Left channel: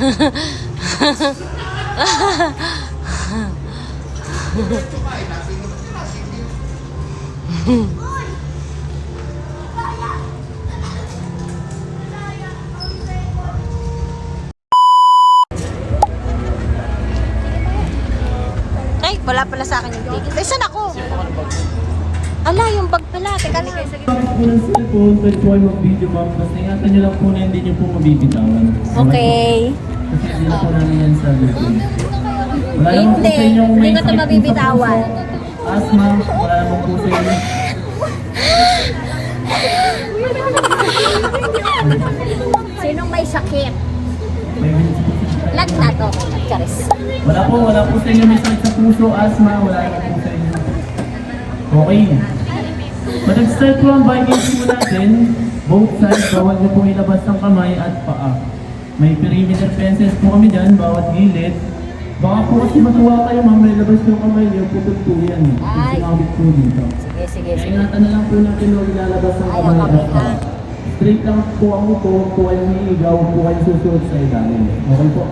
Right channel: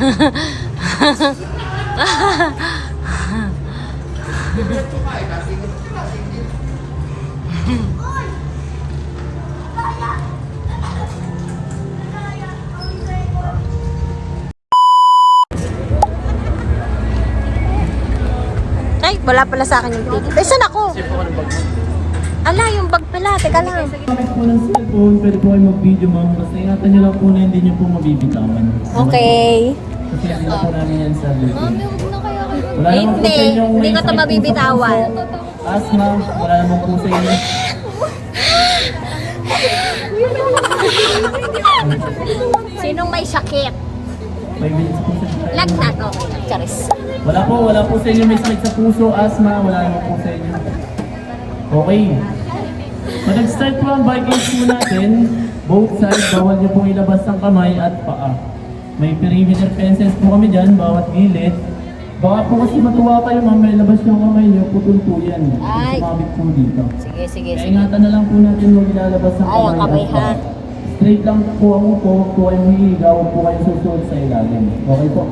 Ay, wala pala sa akin yung ticket. Ay, saan ako? Ala, yung bag pala. Teka lang. Pwede po kayo mag-video ma'am. Basta ingatan nyo lang po na hindi nyo po mabibitawan. Okay. Kasi hindi na po namin yan sa YouTube. Wala naman po sa inyo. Hindi ko ito mabibitawan. Asma, wala naman po sa inyo. Sinong may sakit? 5 minutes po. Lagnat. Okay, nagcharis. Wala po sa inyo may sakit sa puso, asma, wala naman po sa inyo. Okay. Pag nag-start po ang biking natin, both sides, bawal niyo po ilabas ng kamay at paa. May perimeter fences po kami dyan, bawat gilid. Baka po kasi matuwa kayo, ma'am, may labas yung kamay niyo, pupul po yan. Ay. Sumabit po dito. Sige. Ingatan na lang po natin huwag ilalabas ng Ay, kamay. ang kamay, at paa. ha? Straight lang po ako po, huwag po kayong higaw, huwag po kayong susunod sa ilalim. Okay po.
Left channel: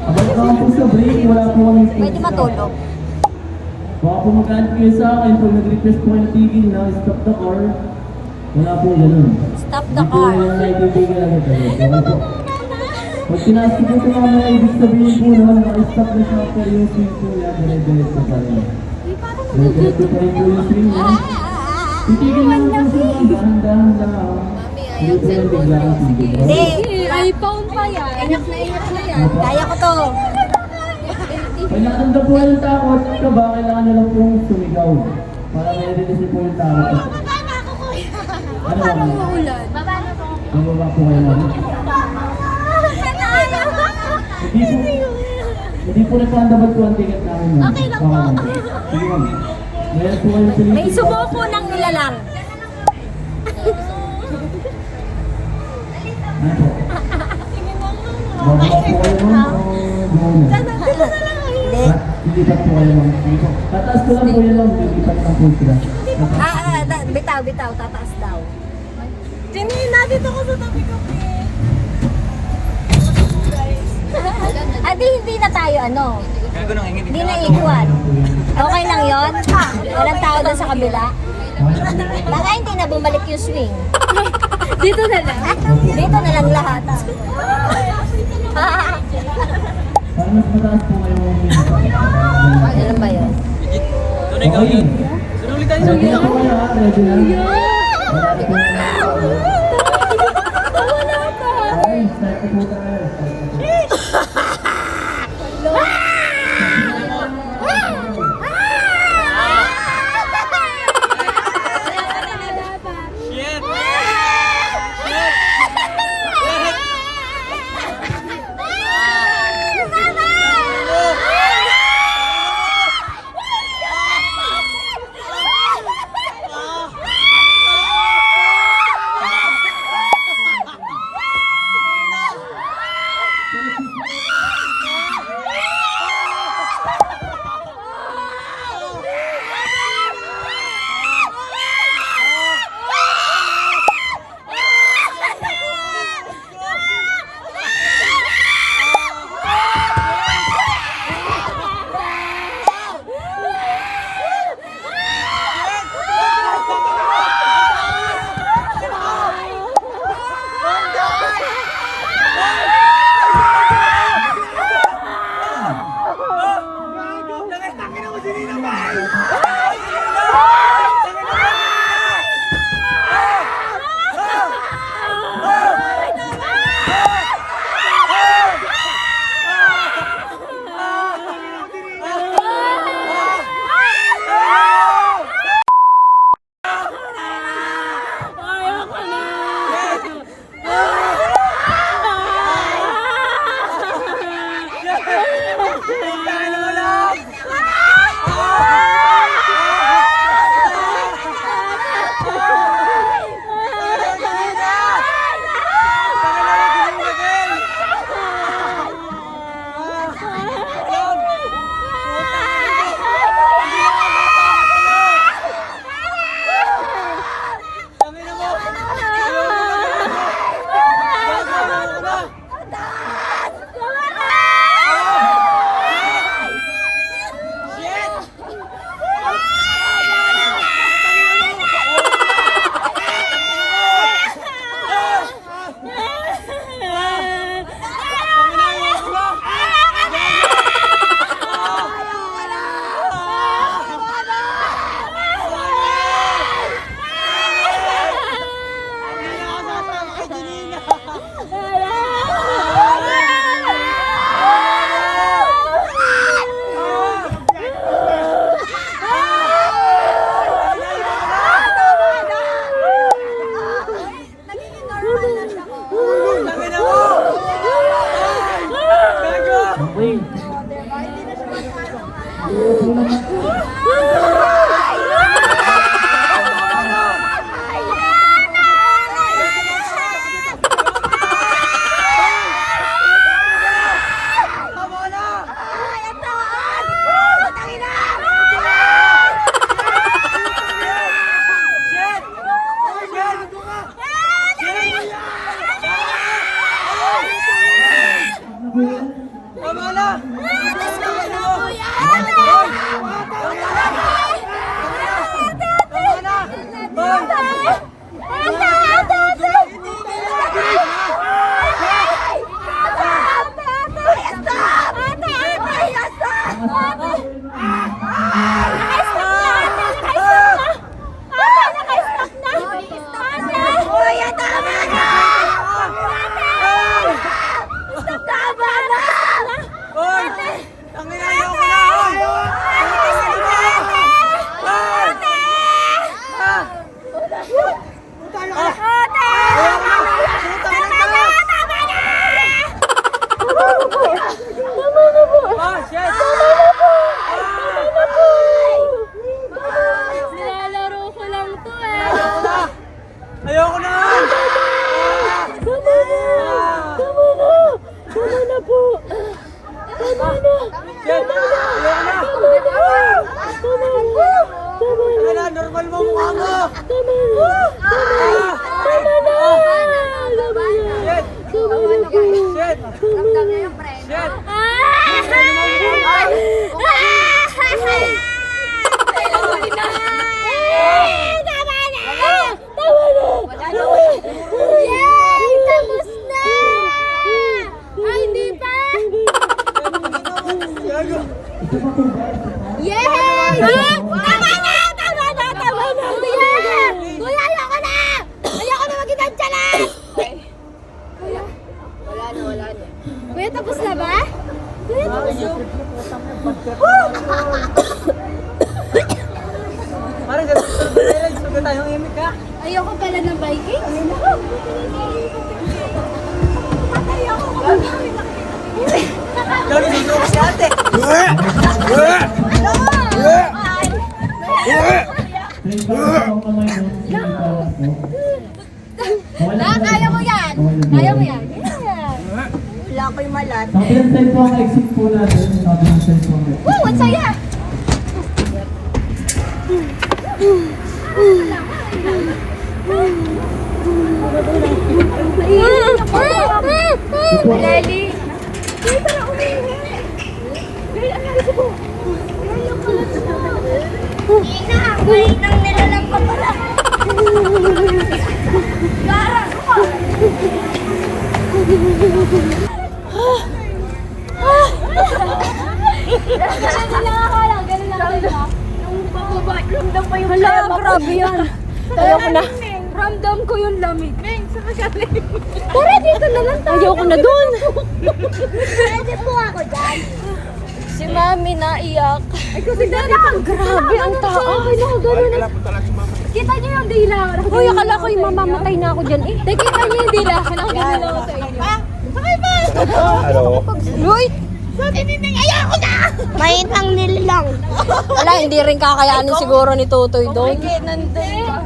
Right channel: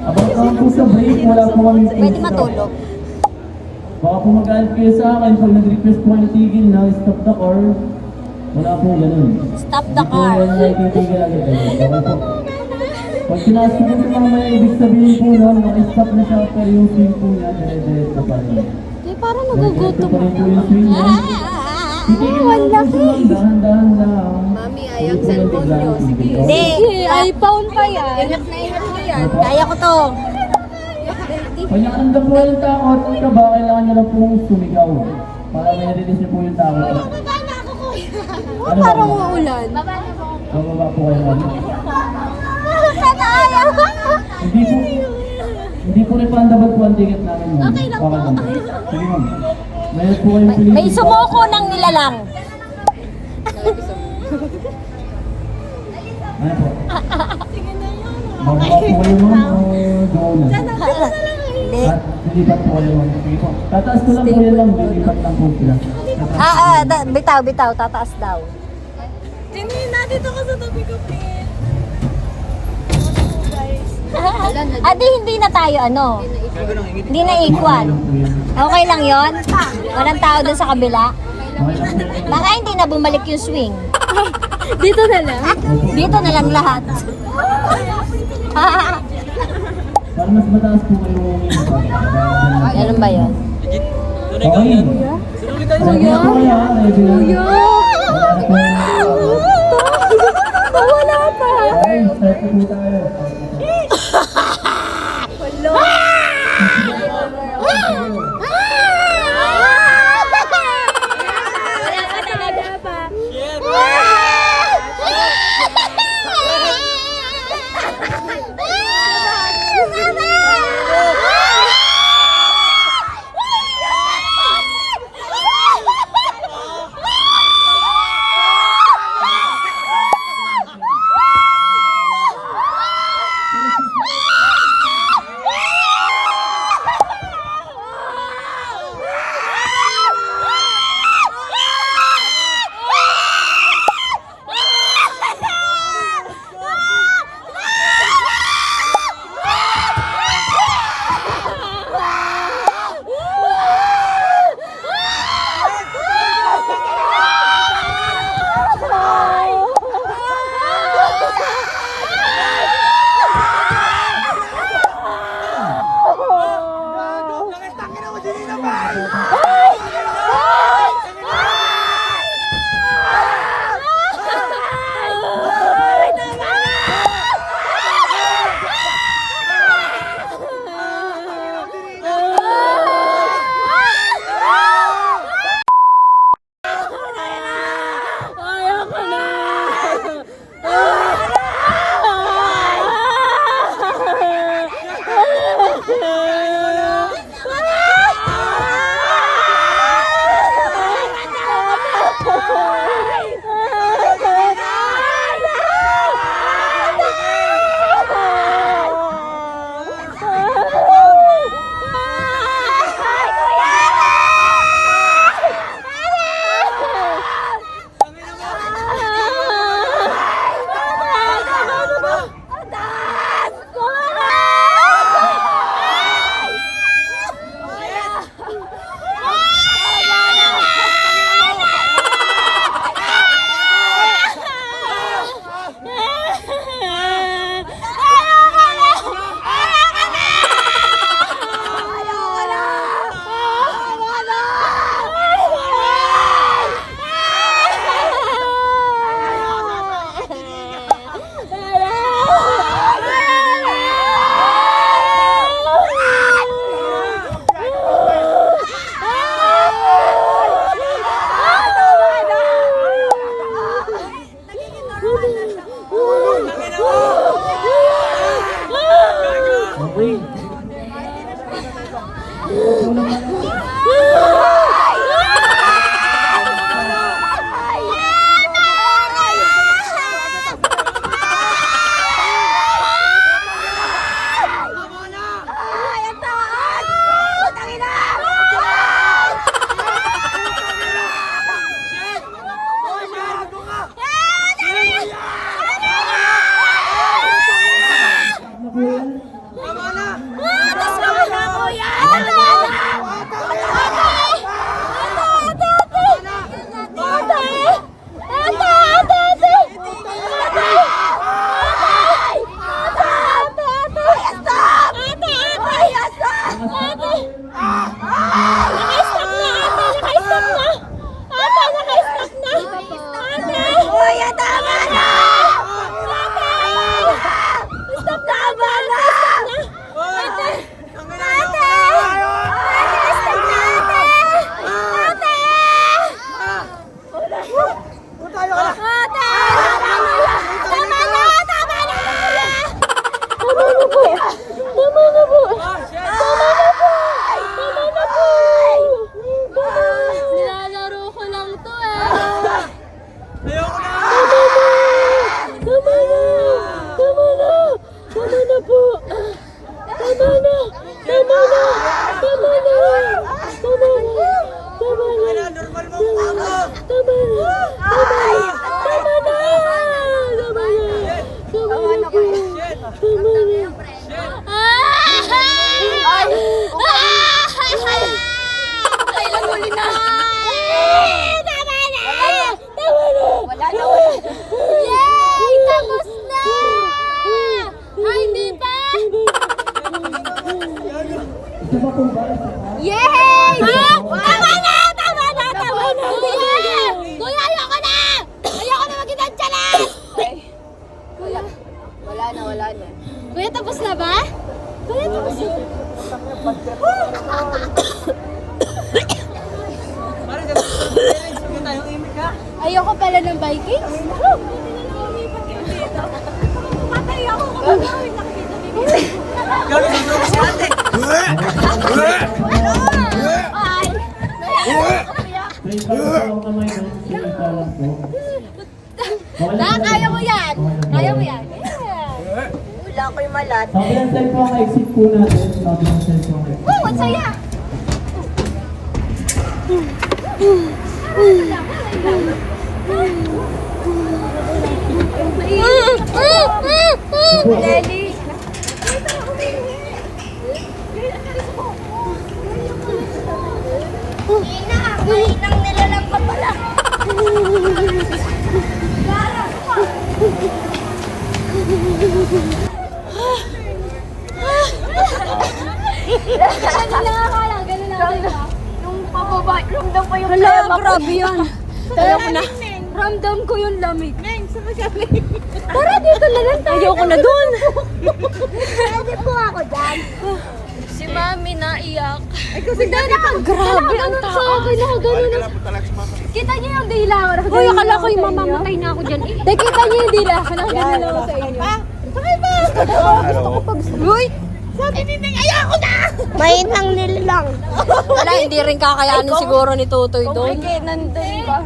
Abang ka po sa break, wala po kami Pwede matulog. Baka po mag-aant kayo sa akin, pag nag-request po kayo na tigil na stop the car, wala po ganun. Stop the car. Hindi po yan nakikitigil agad. Okay po. Pag tinaas ko po ito naman, ibig sabihin po nun, naka-stop na siya after yung swing po yan, dire-diretso pa rin. Eh, parang Diretso pa rin po yung swing yan. Titigil naman po siya, dahan-dahan lang. Hindi po yan biglang titigil. Hindi. iPhone pa yan. Kaya ko to. Pag nakanda po yung takot, ka ba, kailangan nyo lang pong sumigaw. Para may narinig po yung takot. Oh, parang uulan. Bababa po kayo namin. Hindi po refundable po ang ticket namin, ma'am. Okay lang po. Sige, ma'am. Mayroon po kayong piling. May sumuko ng nilalang. Ano po? Bababa po kayo, ma'am. O doon na? Hindi. Lilipat po kayo, ma'am. Sige po. Tataas ko lang po yun, ma'am. Lilipat lang po sila. Bitaw. Tataas daw. Nandito ko sa tabi ko. Adi, hindi na tayo hindi na equal. Okay lang yon. Walang tao doon sa kabila. Baka hindi na bumalik yung swing. Dito na lang. Dito na lang lahat. Para mas mataas po kayo. Ganun ba yun? Okay. Ready na po kayo, ha? Ready na? Wala pa. Okay, start na po tayo. Okay. Nilalaro ko lang to eh. Ayoko na! Tama na! Tama na! Tama na po! Tama na! Tama na! Tama na! Tama na! Tama na! Normal mo mukha mo! Tama na! Tama na! Tama na! Tama na! Tama na po! Tama na! Yay! Tapos na! Ay, hindi pa! Yay! Tama na! Tama na! Tama na! Kuya! Kuya, ayoko na! Ayoko na magkitansya lang! Kuya? Wala na. Kuya, tapos na ba? Kuya, tapos na. Parang sugat tayong imik ha? Ayoko pala ng Vikings. Gano'n susuka sa ate! Please, bago po ang kamay mo, sige ito lang po. Kaya mo yan. Kaya mo yan. Wala ko yung malat. Ang plan po ang exit po natin. Bago ng cellphone. Wow, ang saya. Lady. Hala, grabe yan. Ayoko na. Ramdam ko yung lamig. Tara, dito na lang tayo. Ayoko na dun. Pwede po ako dyan. Si Mami naiyak. Grabe ang tao. Kita niyo yung dila. Uy, akala ko yung mamamatay na ako dyan eh. Nakita niyo yung dila. Pinakaganda na ako sa inyo. Hello? Uy! Mainang nililang. Wala, hindi rin kakayanin siguro ni Tutoy doon. Nandun ka.